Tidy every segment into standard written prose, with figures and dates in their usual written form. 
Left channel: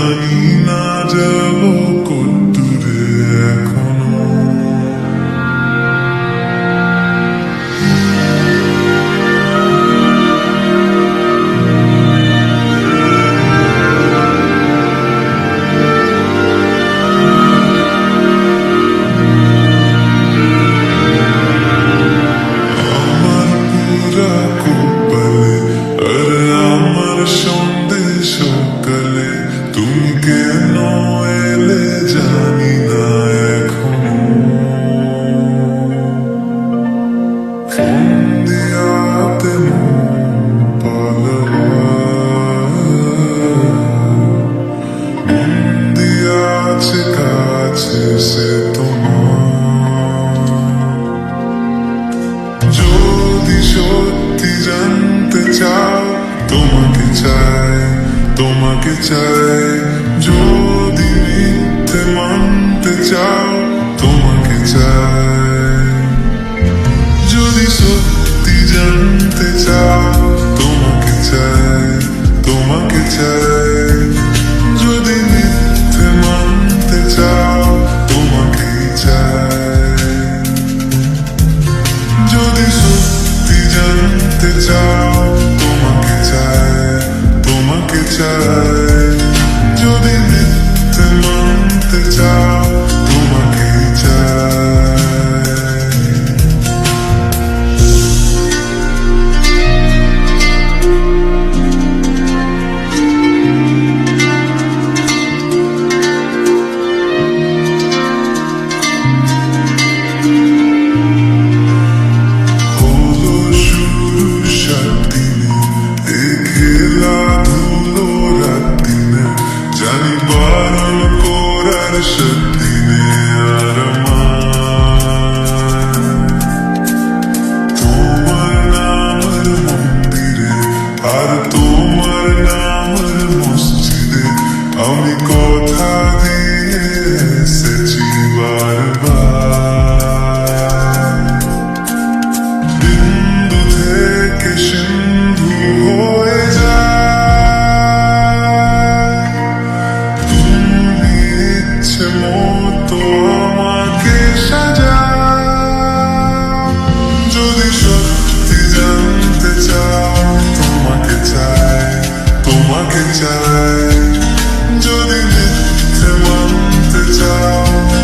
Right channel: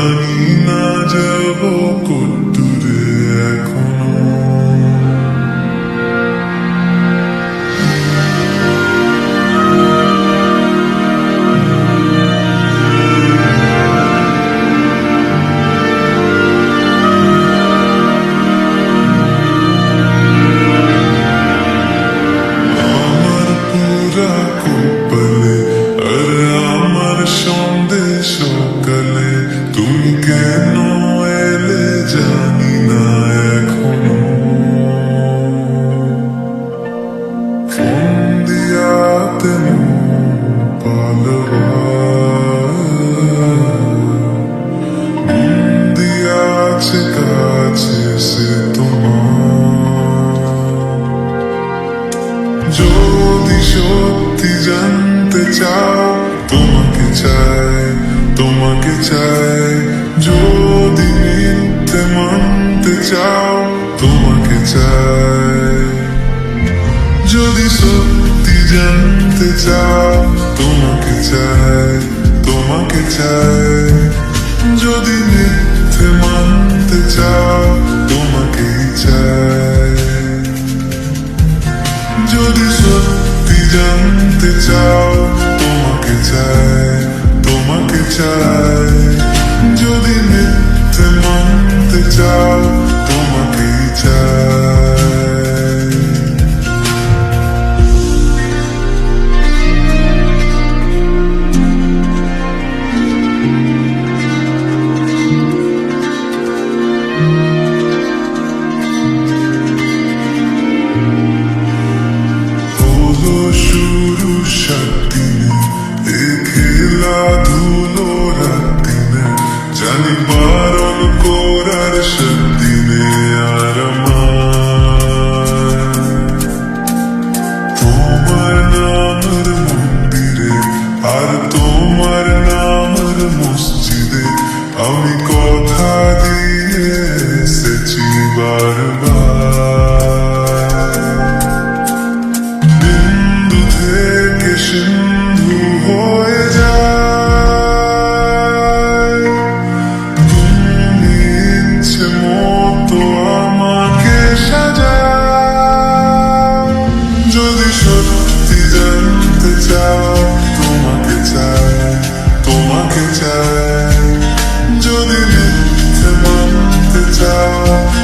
জানি না যাব কতদূরে এখনো। আমার পুরা কপালে আর আমার সন্ধে সকালে তুমি কেন এলে জানি না এখনো। ফোন দিয়াতে মন পালবা মন দিয়াছে কাছে সে তোমার। যদি সত্যি জানতে চাও তোমাকে চাই, তোমাকে চাই। যদি মিথ্যে মানতে চাও তোমাকে চাই। যদি সত্যি জানতে চাও তোমাকে চাই, তোমাকে চাই। যদি মিথ্যে মানতে চাও তোমাকেই চাই। যদি সত্যি জানতে চাও তোমাকে চাই, তোমাকে চাই। যদি মিথ্যে মানতে চাও তোমাকেই চাই। হলো শুরু 7 দিনে এ খেলাধুলো রাত দিনে, জানি বারণ করার 7 দিনে আর আমার তোমার নামের মন্দিরে আর তোমার নামের মসজিদে আমি কথা দিয়ে এসেছি বারবার। বিন্দু থেকে সিন্ধু হয়ে যায়, তুমি ইচ্ছে মতো আমাকে সাজাও। যদি সত্যি জানতে চাও তোমাকে চাই, তোমাকে চাই। যদি মিথ্যে মানতে চাও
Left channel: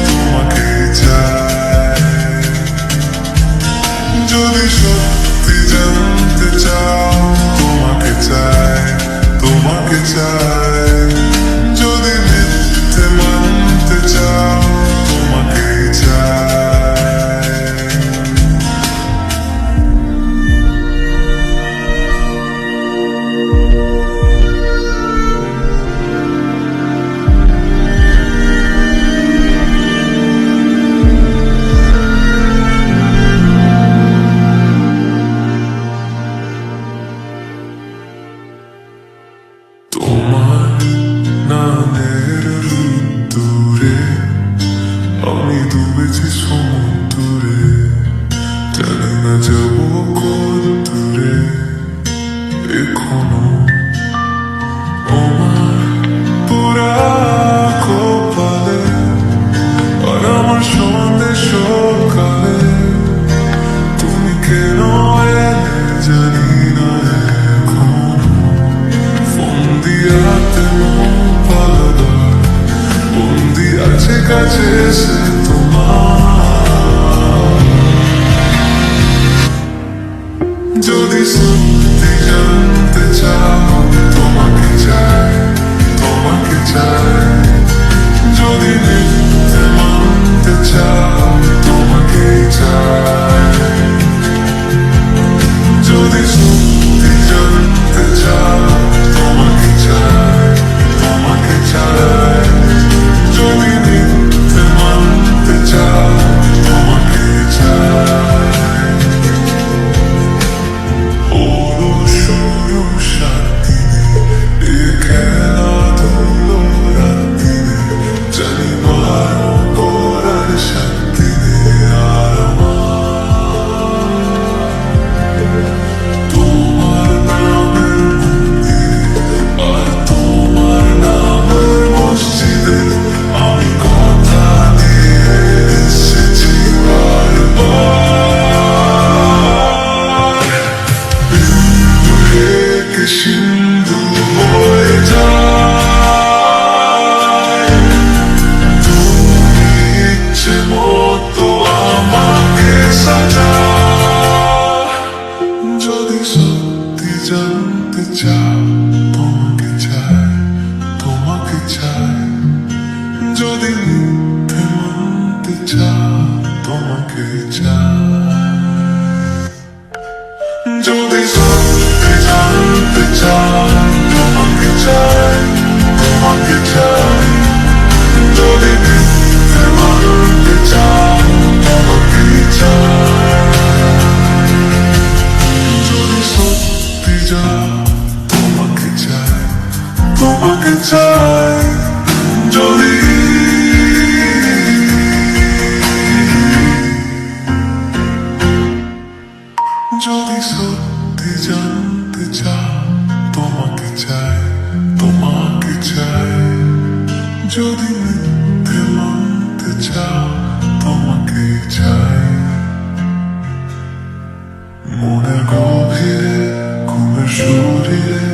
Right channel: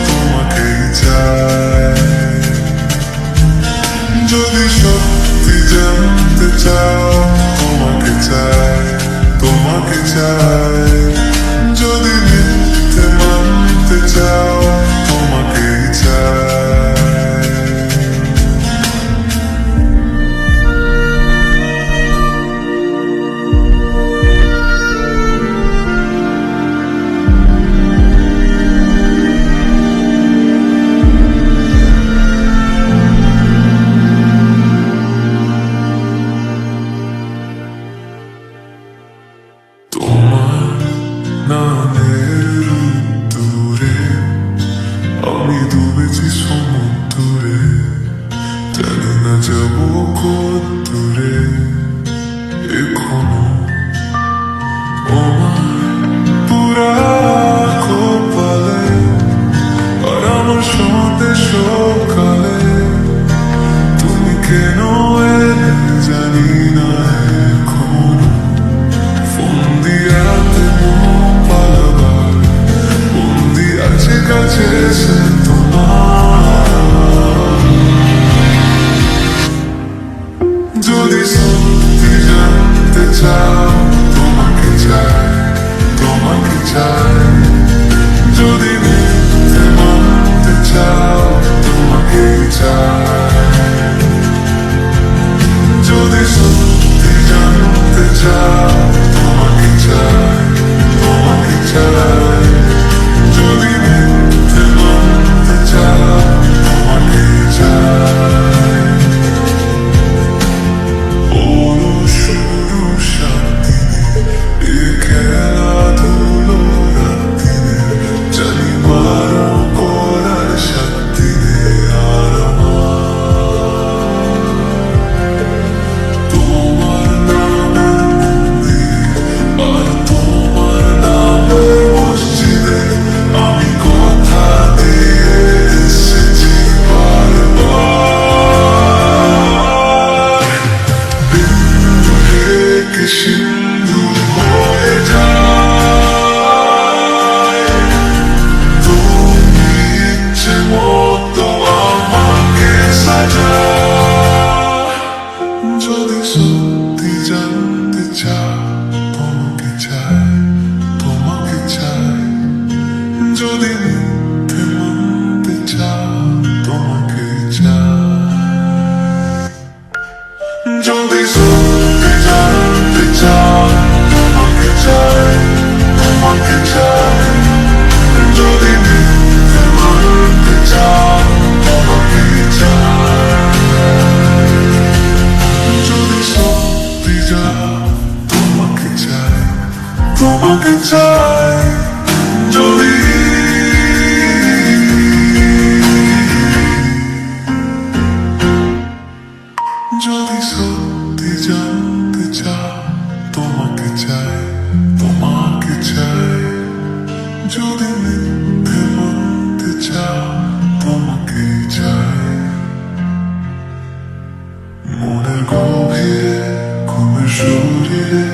তোমাকেই চাই। যদি সত্যি জানতে চাও তোমাকে চাই, তোমাকে চাই। যদি মিথ্যে মানতে চাও তোমাকেই চাই। তোমার নামের রুদ্দুরে আমি ডুবেছি সমুদ্রে, জানি না যাব কত দূরে এখনো। আমার পুরা কপালে আর আমার সন্ধে সকালে তুমি কেন এলে জানি না এখনো। ফোন দিয়াতে মন পালাবা বন্দি আছে কাছে সে তোমার। যদি সত্যি জানতে চাও তোমাকে চাই, তোমাকে চাই। যদি মিথ্যে মানতে চাও তোমাকেই চাই। যদি সত্যি জানতে চাও তোমাকে চাই, তোমাকে চাই। যদি মিথ্যে মানতে চাও তোমাকেই চাই। হলো শুরু 7 দিনে এ খেলাধুলো রাত দিনে, জানি বারণ করার 7 দিনে আর আমার তোমার নামের মন্দিরে আর তোমার নামের যদি মিথ্যে মানতে চাও তোমাকে চাই, যদি সত্যি জানতে চাও তোমাকে চাই, তোমাকে চাই, যদি মিথ্যে মানতে চাও তোমাকে চাই, যদি সত্যি যাও তোমাকে চাই, তোমাকে চাই, যদি যদি সত্যি জানতে চাও তোমাকে চাই, তোমাকে চাই, যদি মিথ্যে মানতে চাও তোমাকে চাই, মনের গভীরে ঘুমের শরীরে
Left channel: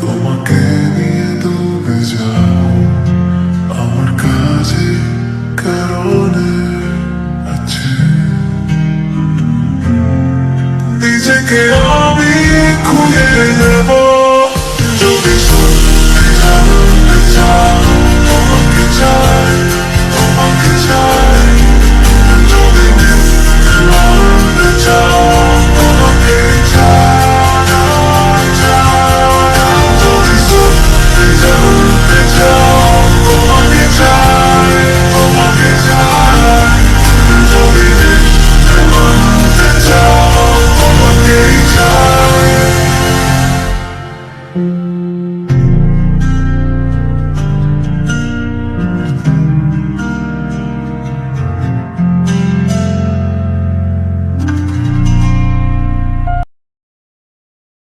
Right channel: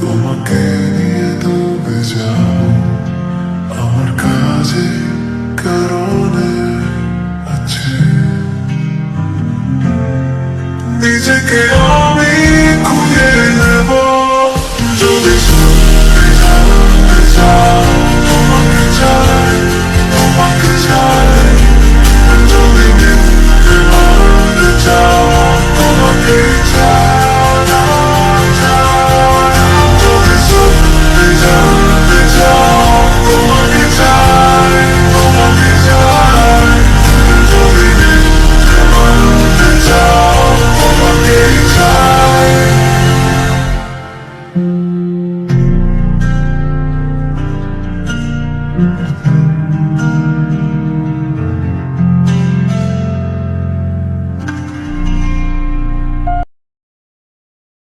তোমাকে নিয়ে ডুবে যাব, আমার কাছে কারণে আছে নিজেকে